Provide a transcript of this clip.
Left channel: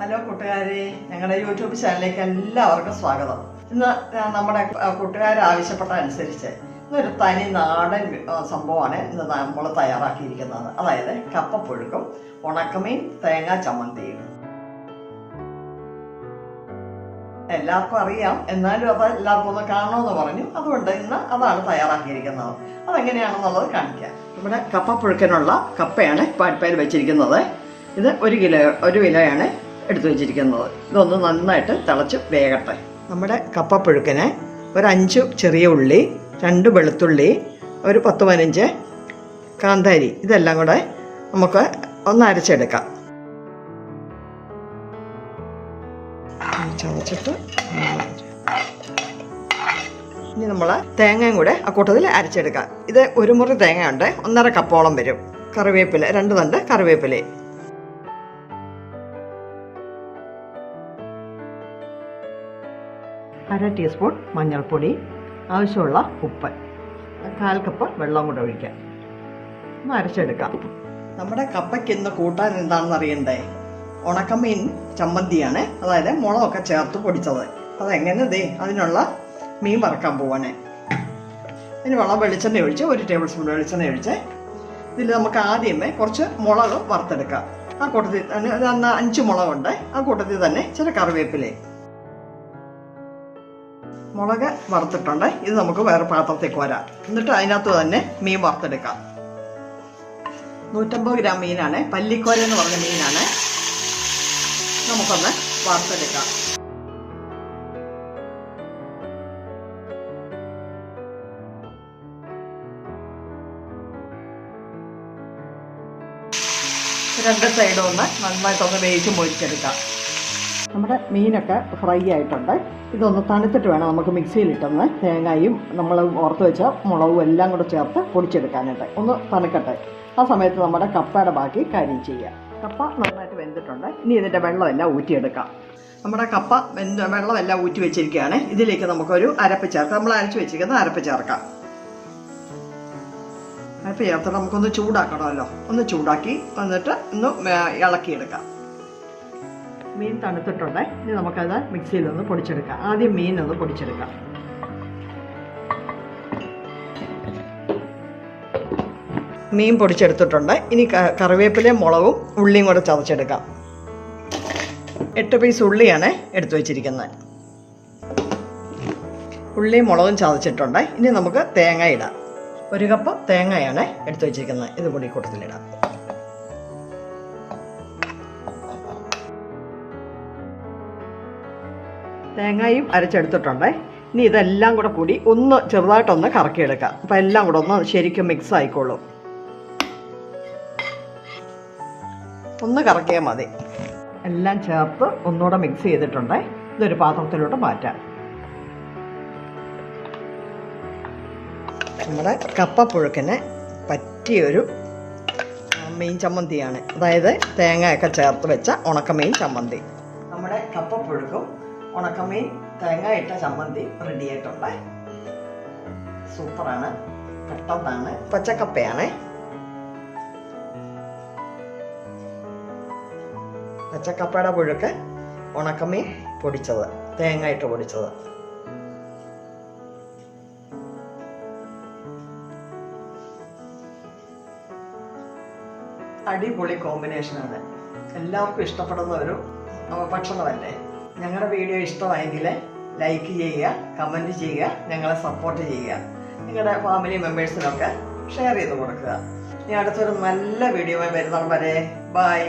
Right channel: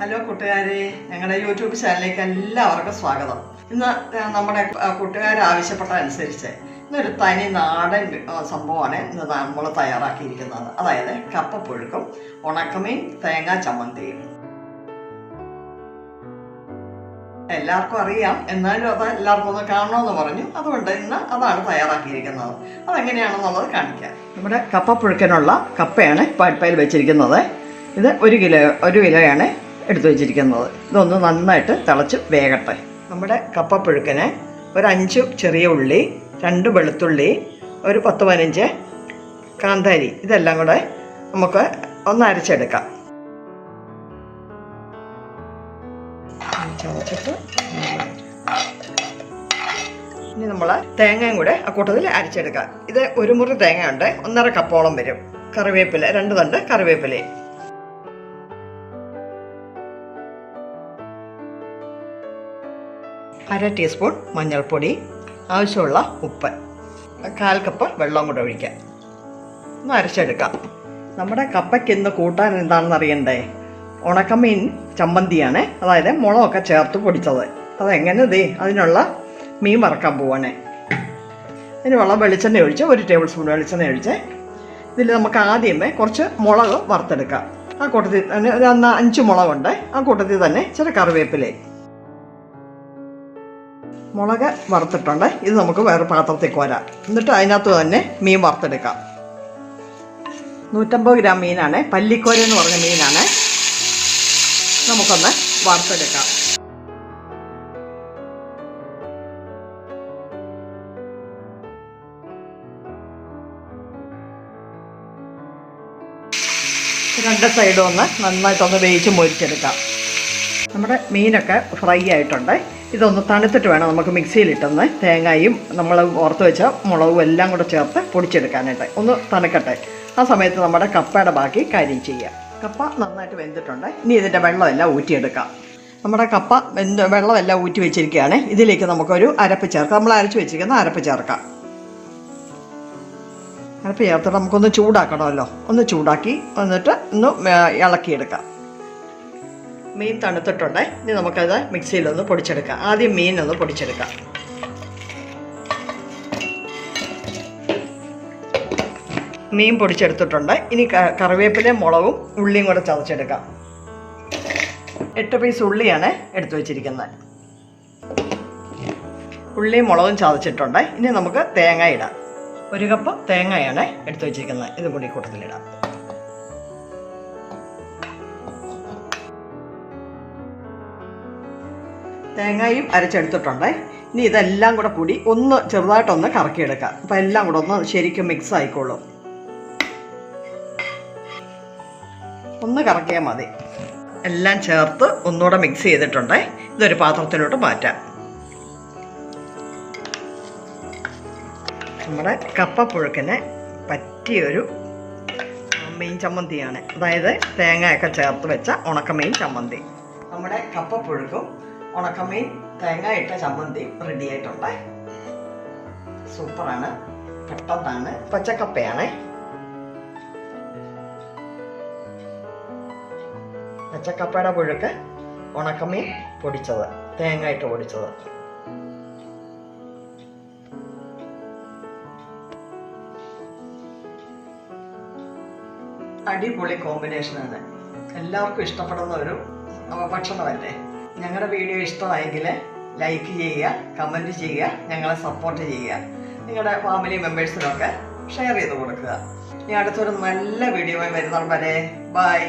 Hello കൂട്ടുകാരെ ഞങ്ങളുടെ YouTube ചാനലിലേക്ക് എല്ലാവർക്കും സ്വാഗതം. ഇന്ന് നമ്മുടെ കൂട്ടുകാർ ആവശ്യപ്പെട്ട അനുസരിച്ച് ഇന്നൊരു തനി നാടൻ സംഭവമാണ് ഇന്ന് നമ്മൾ തയ്യാറാക്കിയിരിക്കുന്നത്. അതായത് കപ്പപ്പുഴുക്കും ഉണക്കമീൻ തേങ്ങാ ചമ്മന്തിയും. എല്ലാവർക്കും അറിയാം. എന്നാലും അത് എല്ലാവർക്കും ഒന്ന് കാണണമെന്ന് പറഞ്ഞു. അതുകൊണ്ട് ഇന്ന് അതാണ് തയ്യാറാക്കിയിരിക്കുന്നത്. അതെങ്ങനെയാണെന്നുള്ളത് കാണിക്കാം. ഇവിടെ കപ്പപ്പുഴുക്കനുള്ള കപ്പയാണ് പാട്ടയിൽ വെച്ചിരിക്കുന്നത്. ഇത് ഒരു കിലോ ഒരു കിലോയാണ്. എടുത്തു വെച്ചിരിക്കുന്നത്. ഇതൊന്ന് നന്നായിട്ട് തിളച്ച് വേകട്ടെ. നമ്മുടെ കപ്പപ്പുഴുക്കിന് ഒരു അഞ്ച് ചെറിയ ഉള്ളി രണ്ട് വെളുത്തുള്ളി ഒരു പത്ത് പതിനഞ്ച് കാന്താരി ഇതെല്ലാം കൂടെ നമുക്ക് ഒന്ന് അരച്ചെടുക്കാം. ഇനി നമ്മൾ തേങ്ങയും കൂടെ ആ കൂട്ടത്തിൽ അരച്ചെടുക്കാം. ഇത് ഒരു മുറി തേങ്ങ ഉണ്ട് ഒന്നര കപ്പോളം വരും. കറിവേപ്പില രണ്ട് തണ്ട് കറിവേപ്പില അര ടീസ്പൂൺ മഞ്ഞൾപ്പൊടി ആവശ്യമുള്ള ഉപ്പ് കാൽ കപ്പ് വെള്ളം കൂടെ ഒഴിക്കാം. ഒന്ന് അരച്ചെടുക്കാം. നമ്മുടെ കപ്പയ്ക്ക് ഇന്ന് കൂട്ടാൻ എന്താണെന്ന് അറിയണ്ടേ? ഉണക്കമീൻ ചമ്മന്തിയാണ്. അതായത് മുളകൊക്കെ ചേർത്ത് പൊടിച്ചത്. അതെങ്ങനെ ദേ അതിനുള്ള മീൻ വറക്കാൻ പോവാണേ. അതിന് വെള്ളം വെളിച്ചെണ്ണ ഒഴിച്ച് ഒരു ടേബിൾ സ്പൂൺ വെളിച്ചെണ്ണ ഒഴിച്ച് ഇതിൽ നമുക്ക് ആദ്യമേ കുറച്ച് മുളക് വറുത്തെടുക്കാം. ആ കൂട്ടത്തിൽ തന്നെ ഒരു അഞ്ച് മുളകുണ്ട്. ആ കൂട്ടത്തിൽ തന്നെ ചില കറിവേപ്പിലേ മുളക് വറുത്തിട്ടുണ്ട്. ഇത് നമുക്ക് വേറെ പാത്രത്തിൽ കോരാം. എന്നിട്ട് അതിനകത്ത് തന്നെ മീൻ വറുത്തെടുക്കാം. നൂറ്റമ്പത് ഗ്രാം മീനാണ്. പല്ലിക്കോര എന്ന് പറഞ്ഞ മീനാണ്. നമുക്കൊന്ന് വറുത്തെടുക്കാം. രണ്ട് സൈഡും ഒന്ന് നന്നായിട്ടൊന്ന് വേവിച്ച് മൊരിച്ചെടുക്കാം. നമ്മുടെ മീനൊക്കെ ഫ്രൈ ആയിട്ടുണ്ട്. ഇതൊന്ന് തണുത്തിട്ട് വേണം നമുക്ക് മിക്സിയിലിട്ടൊന്ന് തേങ്ങയും നമ്മൾ ഓർത്ത് വെച്ച മുളകും എല്ലാം കൂടെ ചേർത്ത് പൊടിച്ചെടുക്കാനായിട്ട്. ഒന്ന് തണുക്കട്ടെ. ആ സമയത്ത് നമ്മുടെ കപ്പയുടെ ബാക്കി കാര്യം ചെയ്യാം. കപ്പ നന്നായിട്ട് വെന്തിട്ടുണ്ട്. ഇനി ഇതിന്റെ വെള്ളമെല്ലാം ഊറ്റിയെടുക്കാം. നമ്മുടെ കപ്പ വെന്ത് വെള്ളമെല്ലാം ഊറ്റി വെച്ചിരിക്കുകയാണ്. ഇതിലേക്ക് നമുക്കൊരു അരപ്പ് ചേർക്കാം. നമ്മൾ അരച്ച് വെച്ചിരിക്കുന്ന അരപ്പ് ചേർക്കാം. അരപ്പ് ചേർത്തിട്ട് നമുക്കൊന്ന് ചൂടാക്കണമല്ലോ. ഒന്ന് ചൂടാക്കി എന്നിട്ട് ഒന്ന് ഇളക്കിയെടുക്കാം. മീൻ തണുത്തിട്ടുണ്ട്. ഇനി നമുക്കത് മിക്സിയിലൊന്ന് പൊടിച്ചെടുക്കാം. ആദ്യം മീൻ മീനൊന്ന് പൊടിച്ചെടുക്കാം. മീൻ പൊടിച്ചെടുത്തിട്ടുണ്ട്. ഇനി കറിവേപ്പിലയും മുളകും ഉള്ളിയും കൂടെ ചതച്ചെടുക്കാം. എട്ട് പീസ് ഉള്ളിയാണ് എടുത്തു വച്ചിരിക്കുന്നത്. ഉള്ളിയും മുളകും ചതച്ചിട്ടുണ്ട്. ഇനി നമുക്ക് തേങ്ങ ഇടാം. ഒരു കപ്പ് തേങ്ങയാണ് എടുത്തു വച്ചിരിക്കുന്നത്. ഇത് കൂടി കൂട്ടത്തിലിടാം. തേങ്ങയും അരച്ചെടുത്തിട്ടുണ്ടേ. ഇനി ഇതെല്ലാം കൂടെ കൂടി ഒന്ന് ചെറുതായിട്ടൊന്ന് കറക്കിയെടുക്കാം. അപ്പം എല്ലാം കൂടെ ഒന്ന് ശരിക്കും മിക്സ് ആയിക്കോളും. ഒന്ന് കറക്കിയാൽ മതി. എല്ലാം ചേർത്ത് ഒന്നുകൂടെ മിക്സ് ചെയ്തിട്ടുണ്ടേ. ഇതൊരു പാത്രത്തിലോട്ട് മാറ്റാം. നമ്മുടെ കപ്പപ്പുഴുക്കിന് പറ്റിയൊരു മീൻ ചമ്മന്തിയാണ്. അതായത് തേങ്ങയൊക്കെ ചേർത്ത് വെച്ച ഉണക്കമീൻ ചമ്മന്തി. നമ്മുടെ കപ്പപ്പുഴുക്കും ഉണക്കമീൻ തേങ്ങ ഇട്ട ചമ്മന്തി റെഡി ആയിട്ടുണ്ട്. സൂപ്പറാണ്. പെട്ടെന്നാണ്. പച്ചക്കപ്പയാണ്. പച്ചക്കപ്പയുടെ പുഴുക്ക് ഉണക്കമീൻ പൊടിച്ചത് തേങ്ങ ഇട്ട് പൊടിച്ചത്. അടിപൊളി കോമ്പിനേഷനാണ് എല്ലാവർക്കും ഇഷ്ടപ്പെടുന്ന ഒരു ഭക്ഷണമല്ലേ? ഞങ്ങളുടെ വീഡിയോ ഇഷ്ടമായെങ്കിൽ ലൈക്ക് ചെയ്യുക കമന്റ് ചെയ്യുക ഞങ്ങളെ സപ്പോർട്ട് ചെയ്യുക. നിങ്ങളുടെ ഫാമിലി മെമ്പേഴ്സിനൊക്കെ ഷെയർ ചെയ്ത് കൊടുക്കുക. ഇനി അടുത്തൊരു നല്ല വീഡിയോ വരെ ബൈ